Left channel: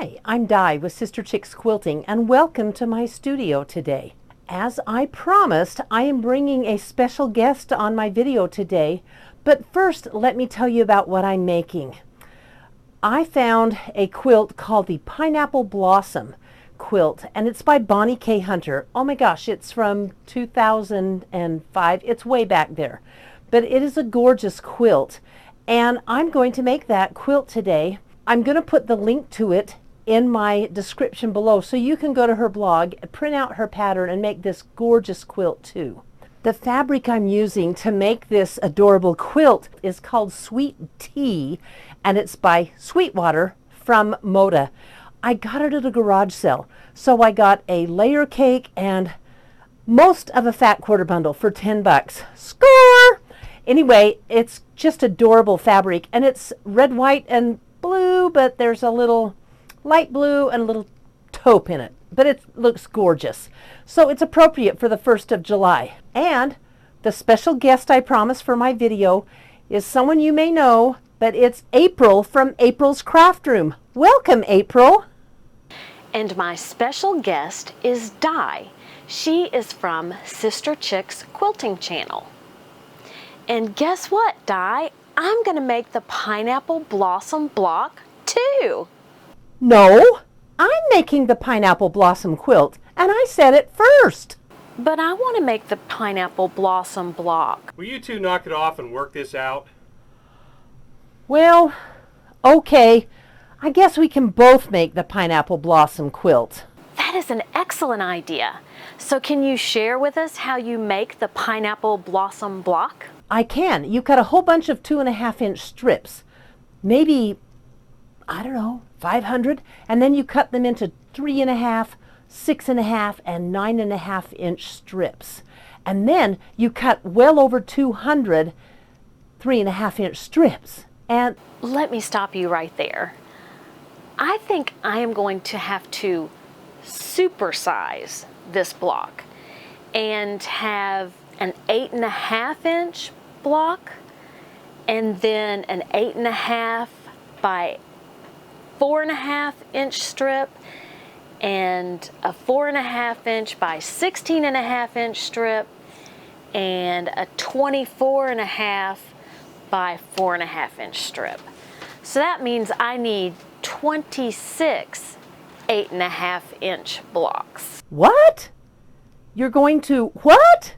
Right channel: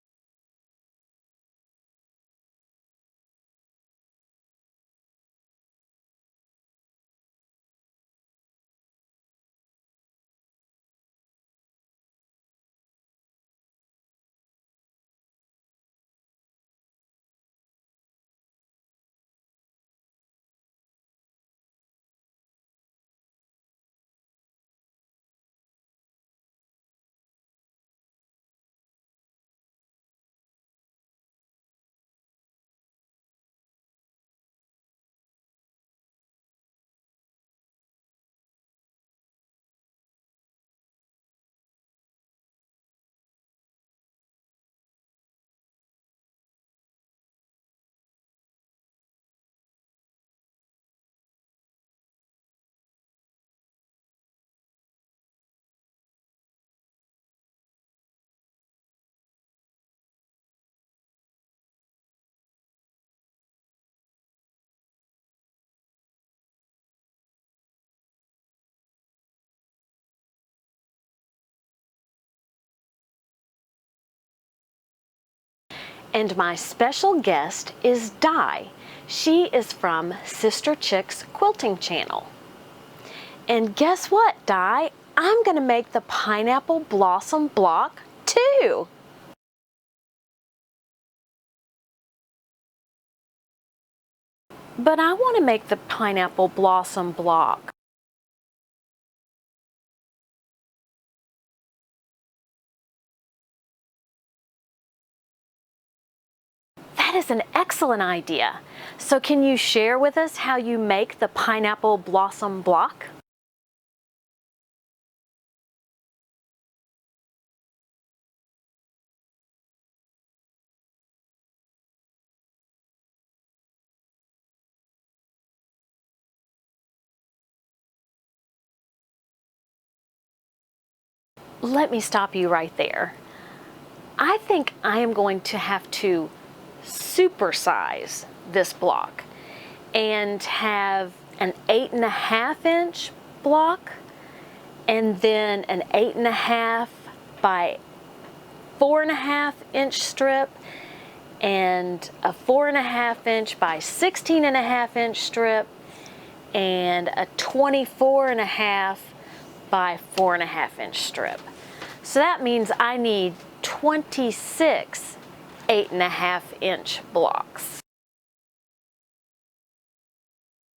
Hi, I'm Di with Sister Chicks Quilting, and welcome to my studio today. As I promised, I am bringing a special guest on my video today, but first let me tell you about what I'm making. I found a quilt called the Pineapple Blossom Quilt, and it's by Bonnie K. Hunter. Oh my gosh, it's from 2005. It's way back there, but it is a gorgeous quilt, and I'm going to make that quilt today. I'm going to put the link to it in my description below so you can go to her blog, print out her pattern, and make this gorgeous quilt too. The fabric I'm using to make this adorable quilt is called Sweet Tea, and it's by Sweetwater from Moda. I got it at a garage sale, so I got a layer cake and most of a fat quarter bundle for 10 bucks. Score! Anyway, it's just adorable fabric, and it's red, white, and blue, but there's a little light blue and a little taupe in it, but it looks gorgeous. So it's appropriate for the 1st of July. And the special guest I promised for my video is someone you may know, but it's April from April's Craft Room. Welcome, April. And my special guest is Di. She is from Sister Chicks Quilting Channel. And guess what, Di? I'm gonna make the Pineapple Blossom block too. No, I'm making the Pineapple Blossom quilt, and I said it first. But I want to make the Pineapple Blossom block. Will you two knock it off and work this out? Well, okay. I guess we can both make the Pineapple Blossom quilt. That is an excellent idea. So can you share with us how you make the Pineapple Blossom block? I can. You cut a whole bunch of 2.5-inch strips, maybe, I don't know, 500, and then you cut them into 3.5, 6.5, and 9.5-inch strips. And then you cut well over 200 3.5-inch strips. And let me stop you right there. I think I am going to have to supersize this block and have an 8.5-inch block and then an 8.5 by 4.5-inch strip and a 4.5-inch by 16.5-inch strip and a 24.5 by 4.5-inch strip. So that means I need 26 8.5-inch blocks. what? You're going to what?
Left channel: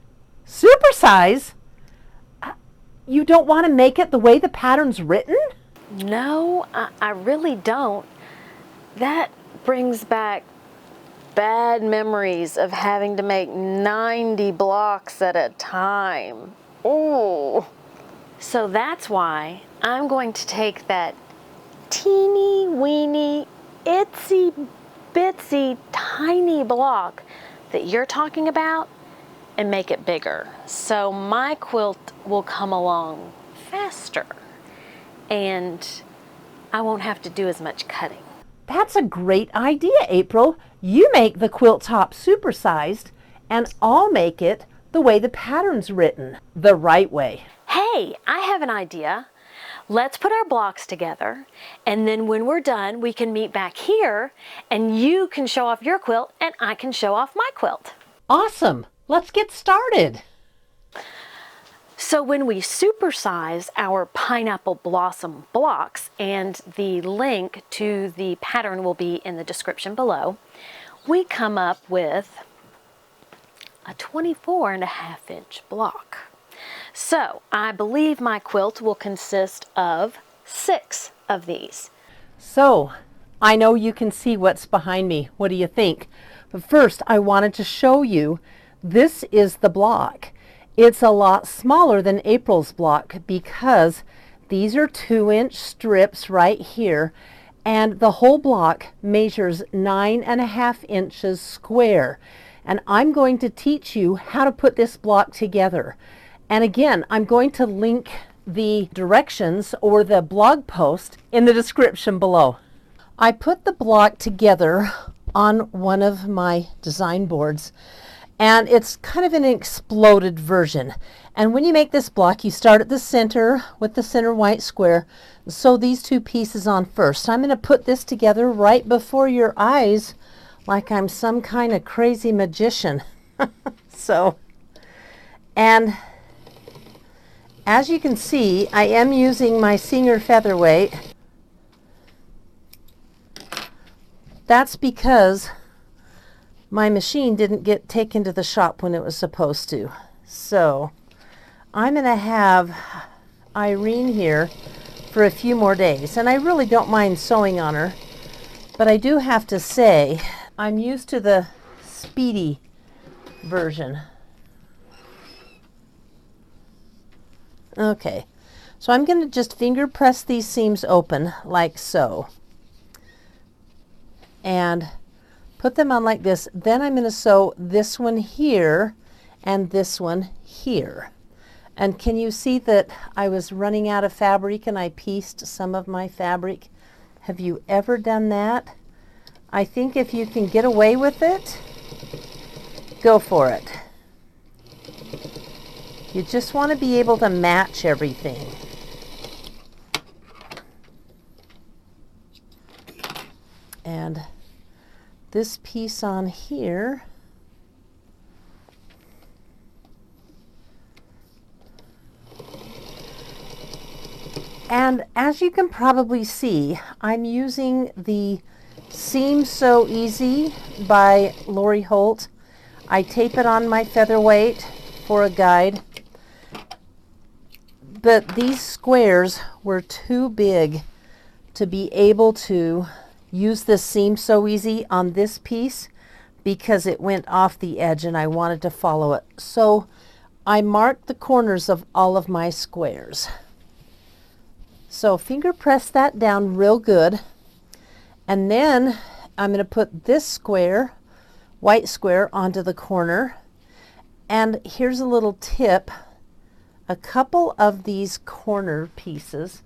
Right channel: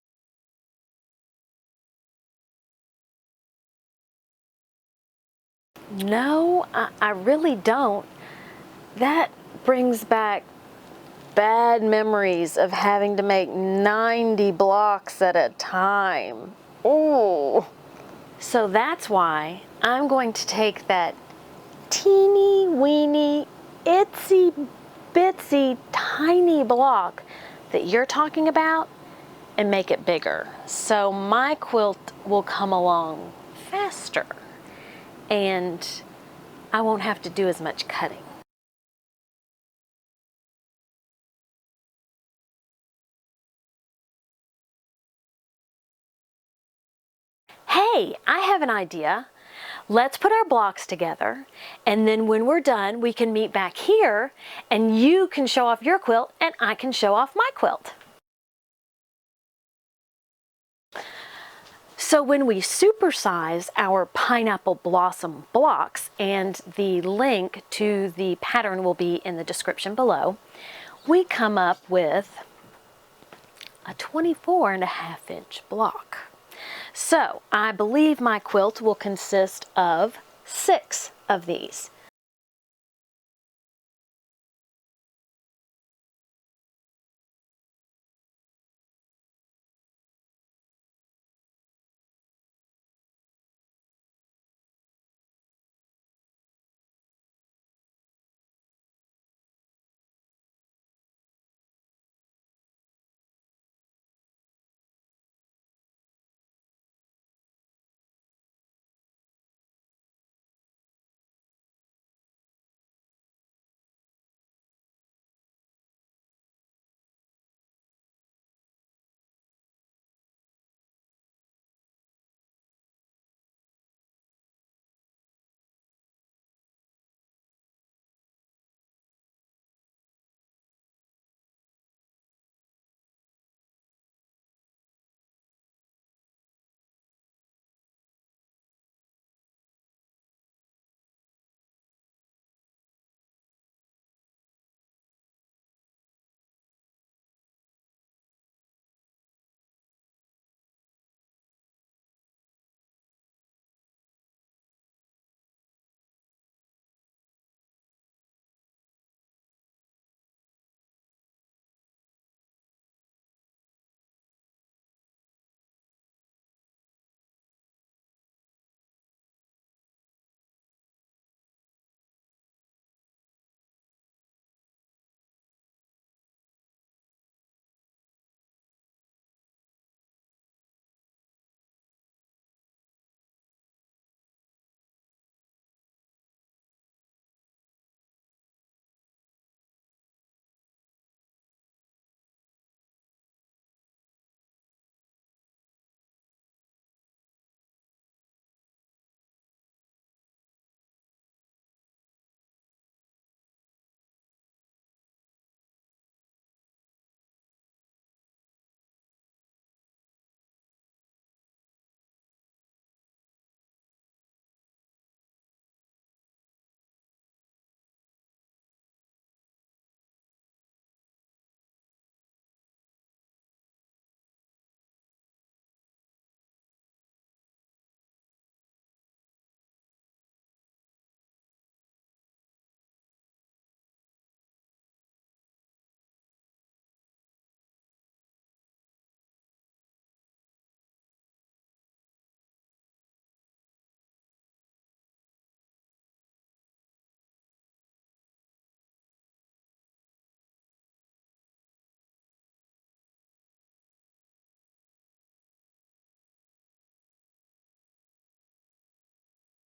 Supersize? You don't want to make it the way the pattern's written? No, I really don't. That brings back bad memories of having to make 90 blocks at a time. Ooh. So that's why I'm going to take that teeny weeny, itsy bitsy tiny block that you're talking about and make it bigger. So my quilt will come along faster and I won't have to do as much cutting. That's a great idea, April. You make the quilt top supersized, and I'll make it the way the pattern's written, the right way. Hey, I have an idea. Let's put our blocks together, and then when we're done, we can meet back here, and you can show off your quilt, and I can show off my quilt. Awesome. Let's get started. So when we supersize our Pineapple Blossom blocks, and the link to the pattern will be in the description below, we come up with a 24.5-inch block. So I believe my quilt will consist of 6 of these. So, I know you can see what's behind me. What do you think? But first, I wanted to show you, this is the block. It's a lot smaller than April's block because these are 2-inch strips right here, and the whole block measures 9.5 inches square. And I'm going to teach you how to put this block together. And again, I'm going to link the directions or the blog post in the description below. I put the block together on one of my design boards, and it's kind of an exploded version. And when you make this block, you start at the center with the center white square. Sew these two pieces on first. I'm going to put this together right before your eyes like I'm some kind of crazy magician. And as you can see, I am using my Singer featherweight. That's because my machine didn't get taken to the shop when it was supposed to. So I'm going to have Irene here for a few more days, and I really don't mind sewing on her, but I do have to say I'm used to the speedy version. Okay, so I'm going to just finger press these seams open like so and put them on like this. Then I'm going to sew this one here and this one here. And can you see that I was running out of fabric and I pieced some of my fabric? Have you ever done that? I think if you can get away with it, go for it. You just want to be able to match everything. And this piece on here, and as you can probably see, I'm using the Seam So Easy by Lori Holt. I tape it on my featherweight for a guide, but these squares were too big to be able to use this Seam So Easy on this piece because it went off the edge and I wanted to follow it. So I marked the corners of all of my squares. So finger press that down real good, and then I'm going to put this square, white square, onto the corner. And here's a little tip. A couple of these corner pieces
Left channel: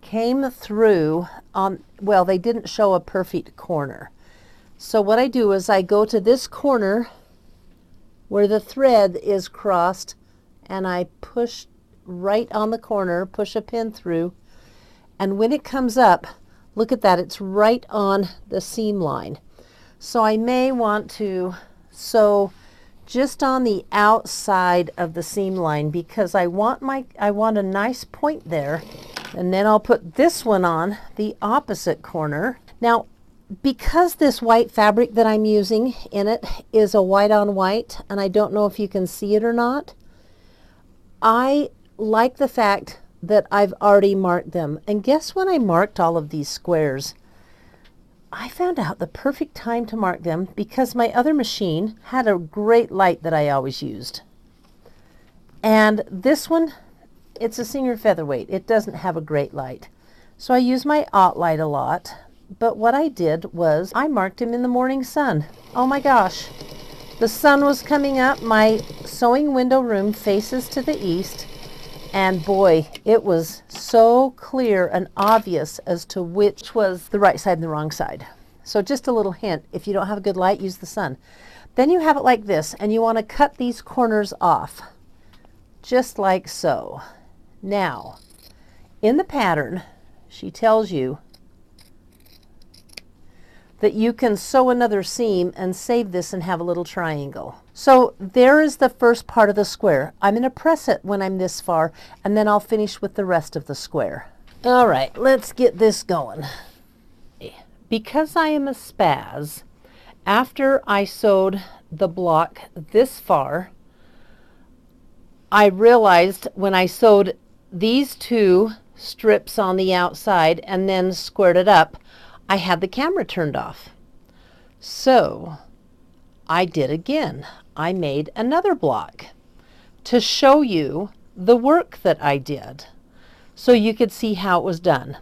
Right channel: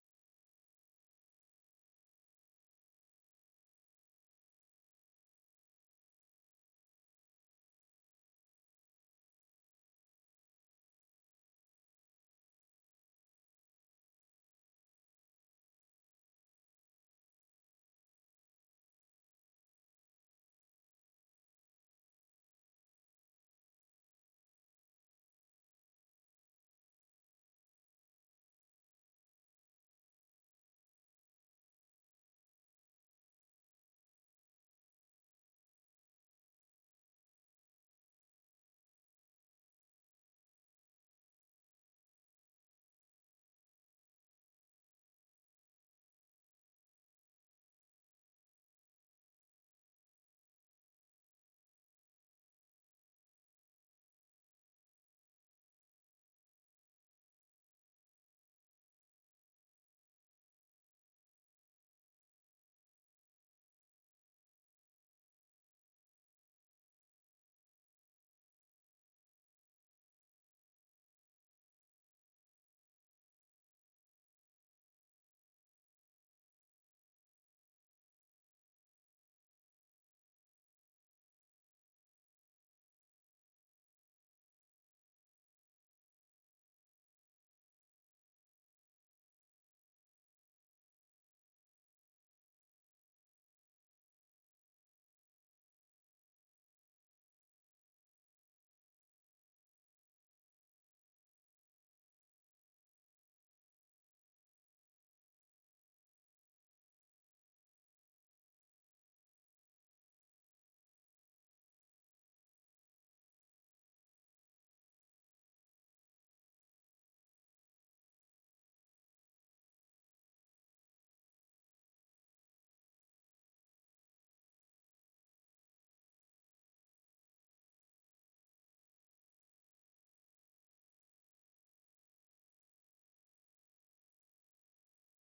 came through on, well, they didn't show a perfect corner. So what I do is I go to this corner where the thread is crossed and I push right on the corner, push a pin through, and when it comes up, look at that, it's right on the seam line. So I may want to sew just on the outside of the seam line because I want a nice point there. And then I'll put this one on the opposite corner. Now, because this white fabric that I'm using in it is a white on white, and I don't know if you can see it or not, I like the fact that I've already marked them. And guess when I marked all of these squares? I found out the perfect time to mark them because my other machine had a great light that I always used. And this one, it's a Singer featherweight. It doesn't have a great light. So I use my light a lot. But what I did was I marked him in the morning sun. Oh my gosh. The sun was coming up. My sewing window room faces to the east. And boy, it was so clear and obvious as to which was the right side and the wrong side. So just a little hint, if you don't have a good light, use the sun. Then you have it like this, and you want to cut these corners off, just like so. Now, in the pattern, she tells you that you can sew another seam and save this and have a little triangle. So there is the first part of the square. I'm going to press it when I'm this far, and then I'll finish with the rest of the square. All right, let's get this going. Because I am a spaz, after I sewed the block this far, I realized when I sewed these two strips on the outside and then squared it up, I had the camera turned off. So I did again. I made another block to show you the work that I did so you could see how it was done.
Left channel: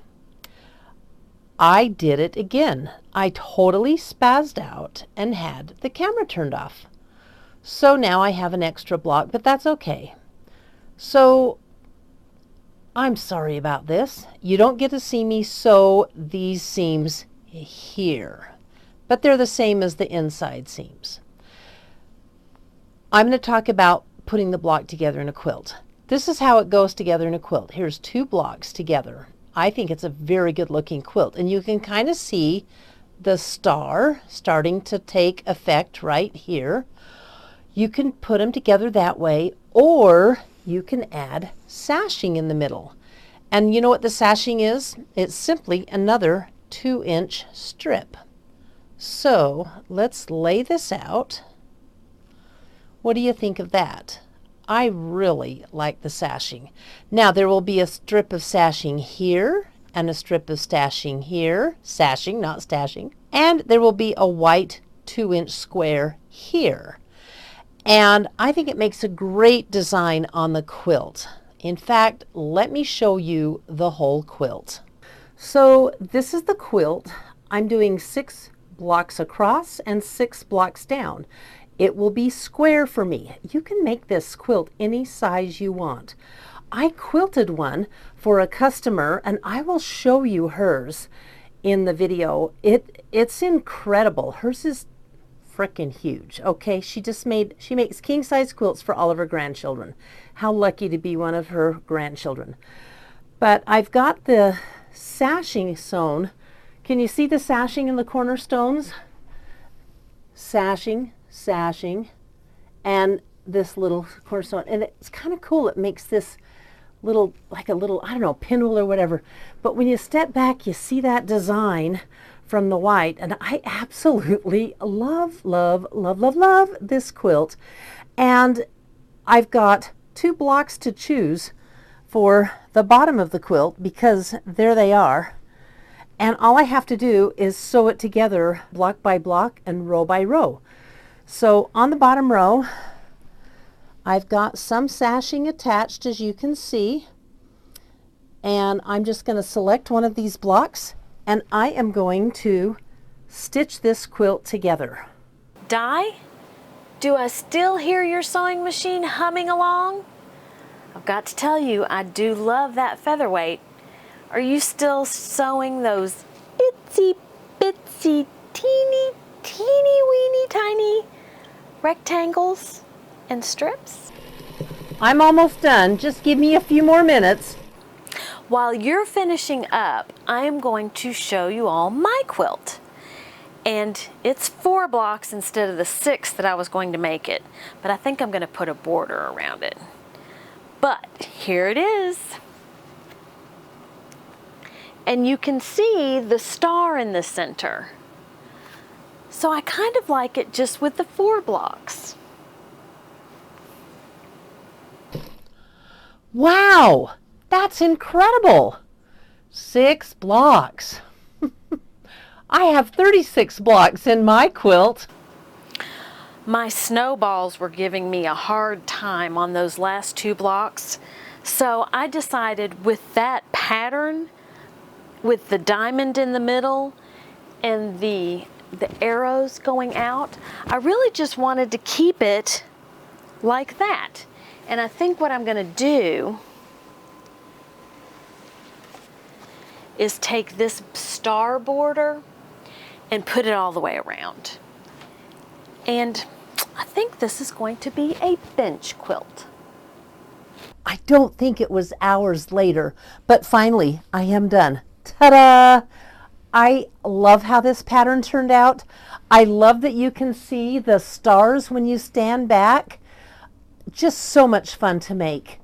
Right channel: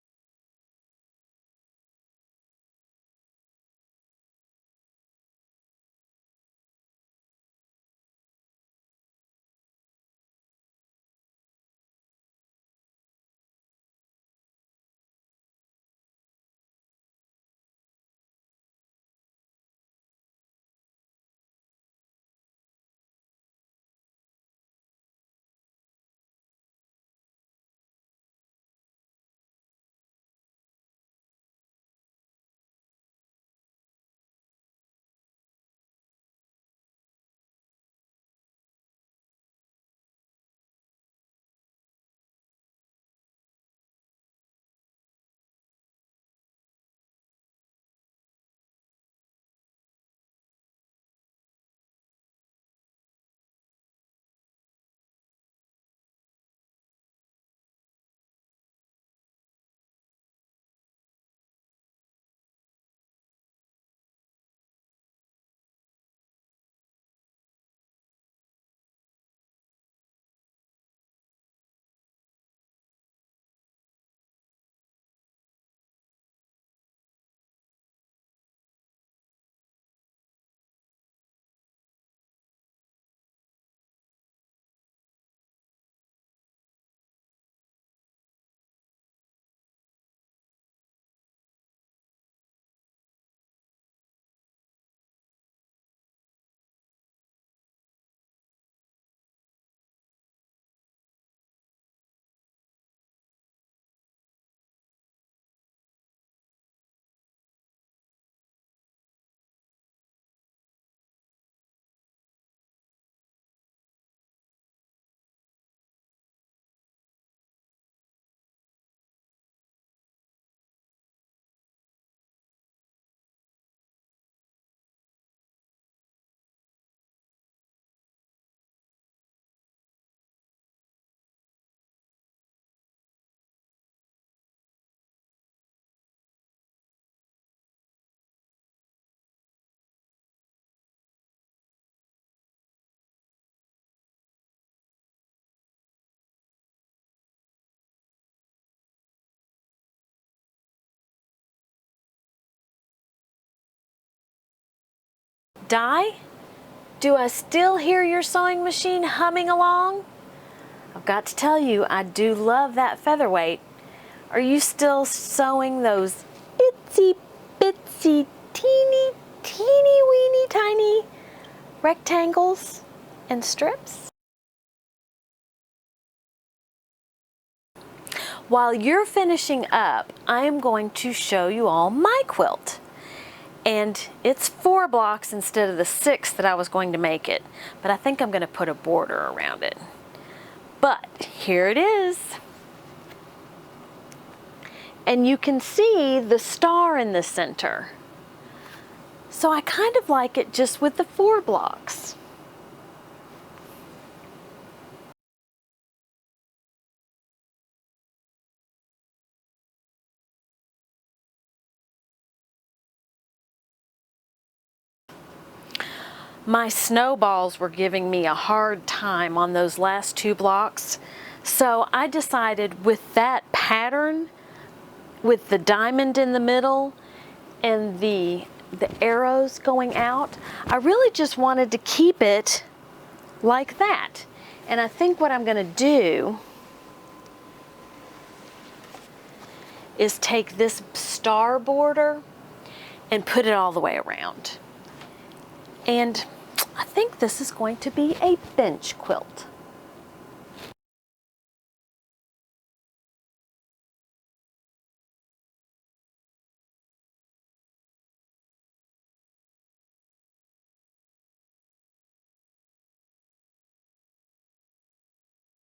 I did it again. I totally spazzed out and had the camera turned off. So now I have an extra block, but that's okay. So I'm sorry about this. You don't get to see me sew these seams here, but they're the same as the inside seams. I'm going to talk about putting the block together in a quilt. This is how it goes together in a quilt. Here's 2 blocks together. I think it's a very good looking quilt, and you can kind of see the star starting to take effect right here. You can put them together that way, or you can add sashing in the middle. And you know what the sashing is? It's simply another 2-inch strip. So let's lay this out. What do you think of that? I really like the sashing. Now there will be a strip of sashing here and a strip of stashing here. Sashing, not stashing. And there will be a white 2-inch square here. And I think it makes a great design on the quilt. In fact, let me show you the whole quilt. So this is the quilt. I'm doing 6 blocks across and 6 blocks down. It will be square for me. You can make this quilt any size you want. I quilted one for a customer, and I will show you hers in the video. It's incredible. Hers is freaking huge. Okay, she makes king size quilts for all of her grandchildren. How lucky to be one of her grandchildren. But I've got the sashing sewn. Can you see the sashing in the cornerstones? Sashing, sashing, and this little cornerstone. And it's kind of cool. It makes this little, like a little, I don't know, pinwheel or whatever. But when you step back, you see that design from the white. And I absolutely love, love, love, love, love this quilt. And I've got 2 blocks to choose for the bottom of the quilt, because there they are. And all I have to do is sew it together block by block and row by row. So on the bottom row, I've got some sashing attached, as you can see. And I'm just going to select one of these blocks, and I am going to stitch this quilt together. Di, do I still hear your sewing machine humming along? I've got to tell you, I do love that featherweight. Are you still sewing those itsy bitsy teeny weeny tiny rectangles and strips? I'm almost done. Just give me a few more minutes. While you're finishing up, I am going to show you all my quilt. And it's 4 blocks instead of the 6 that I was going to make it. But I think I'm going to put a border around it. But here it is. And you can see the star in the center. So I kind of like it just with the 4 blocks. Wow, that's incredible. 6 blocks. I have 36 blocks in my quilt. My snowballs were giving me a hard time on those last 2 blocks. So I decided with that pattern, with the diamond in the middle and the arrows going out, I really just wanted to keep it like that. And I think what I'm going to do is take this star border and put it all the way around. And I think this is going to be a bench quilt. I don't think it was hours later, but finally I am done. Ta-da! I love how this pattern turned out. I love that you can see the stars when you stand back. Just so much fun to make.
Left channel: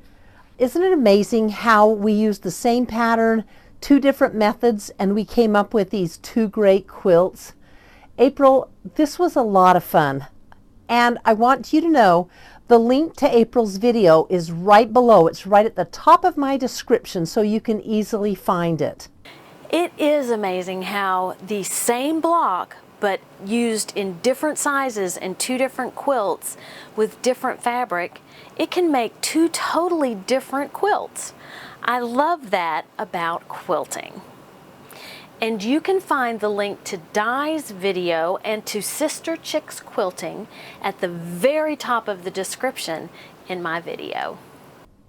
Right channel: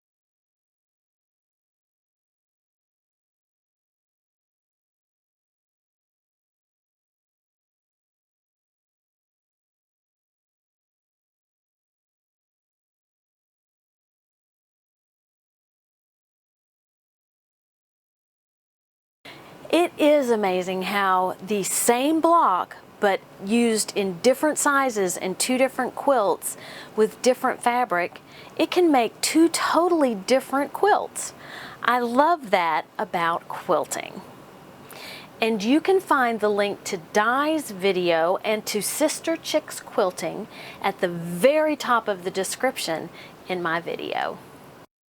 Isn't it amazing how we used the same pattern, 2 different methods, and we came up with these 2 great quilts? April, this was a lot of fun. And I want you to know the link to April's video is right below. It's right at the top of my description, so you can easily find it. It is amazing how the same block, but used in different sizes and 2 different quilts with different fabric, it can make 2 totally different quilts. I love that about quilting. And you can find the link to Di's video and to Sister Chick's quilting at the very top of the description in my video.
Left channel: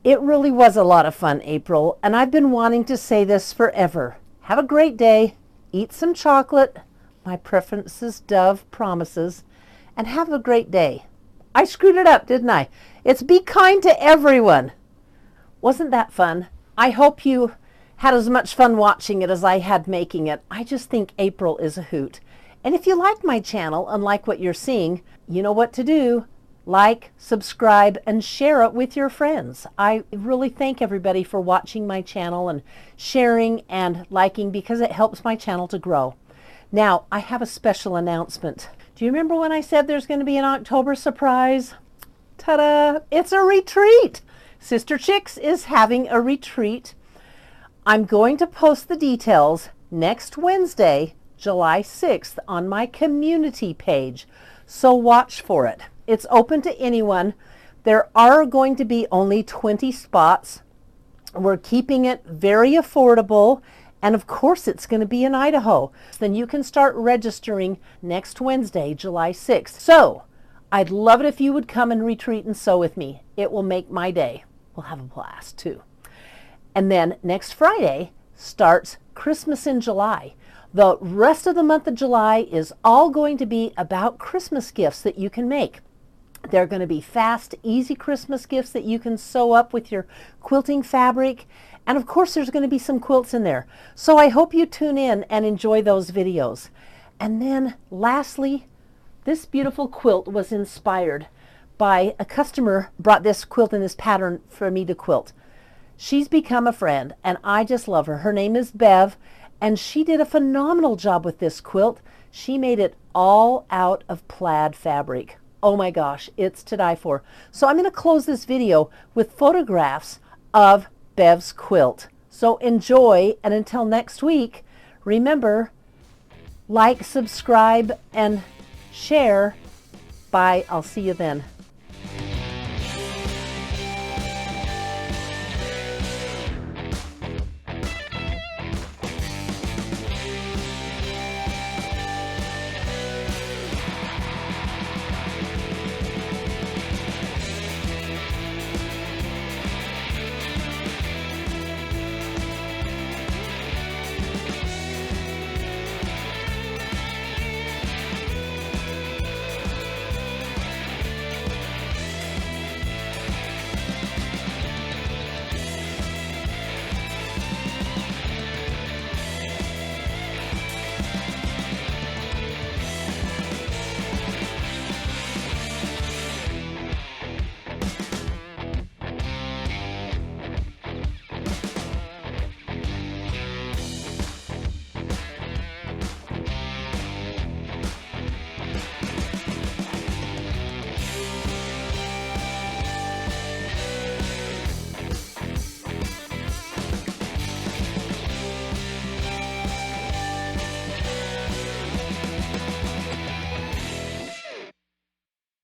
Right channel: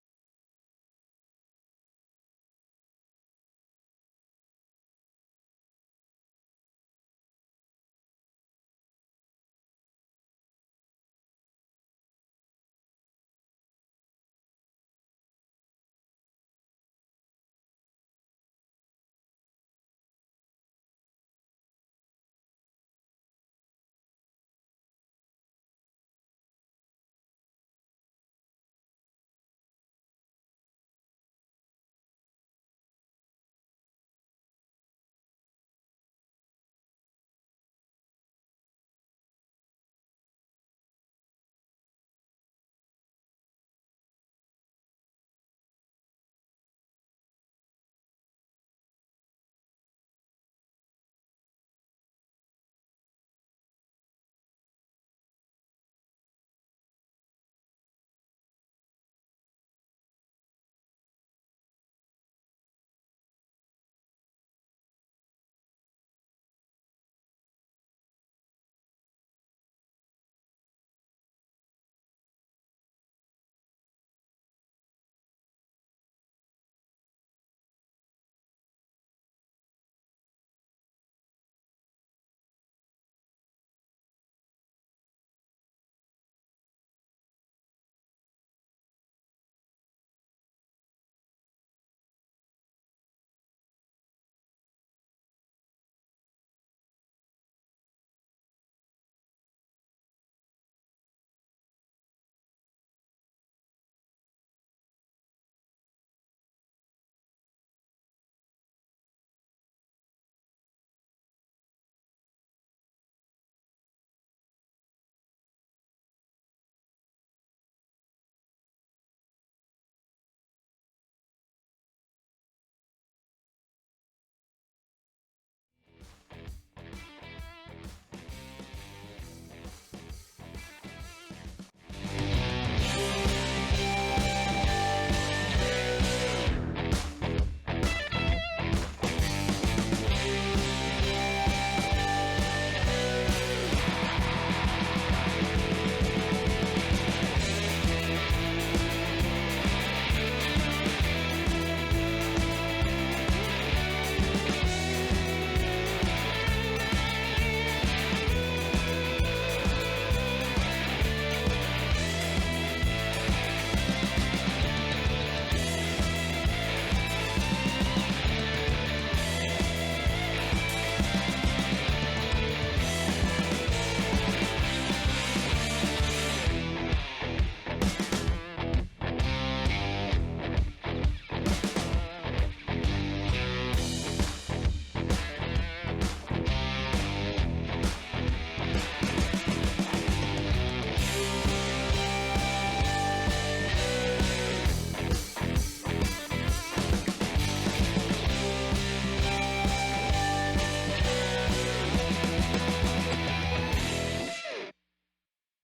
It really was a lot of fun, April, and I've been wanting to say this forever. Have a great day, eat some chocolate, my preference is Dove Promises, and have a great day. I screwed it up, didn't I? It's be kind to everyone. Wasn't that fun? I hope you had as much fun watching it as I had making it. I just think April is a hoot. And if you like my channel and like what you're seeing, you know what to do. Like, subscribe, and share it with your friends. I really thank everybody for watching my channel and sharing and liking because it helps my channel to grow. Now, I have a special announcement. Do you remember when I said there's going to be an October surprise? Ta-da! It's a retreat! Sister Chicks is having a retreat. I'm going to post the details next Wednesday, July 6th, on my community page, so watch for it. It's open to anyone. There are going to be only 20 spots. We're keeping it very affordable, and of course it's going to be in Idaho. Then you can start registering next Wednesday, July 6th. So I'd love it if you would come and retreat and sew with me. It will make my day. We'll have a blast too. And then next Friday starts Christmas in July. The rest of the month of July is all going to be about Christmas gifts that you can make. They're going to be fast, easy Christmas gifts that you can sew up with your quilting fabric. And of course, there's going to be some quilts in there. So I hope you tune in and enjoy those videos. And then lastly, this beautiful quilt was inspired by a customer brought this quilt in this pattern for me to quilt. She's become a friend and I just love her. Her name is Bev and she did a phenomenal job with this quilt. She made it all out of plaid fabric. Oh my gosh, it's to die for. So I'm going to close this video with photographs of Bev's quilt. So enjoy, and until next week, remember, like, subscribe, and share. Bye. I'll see you then.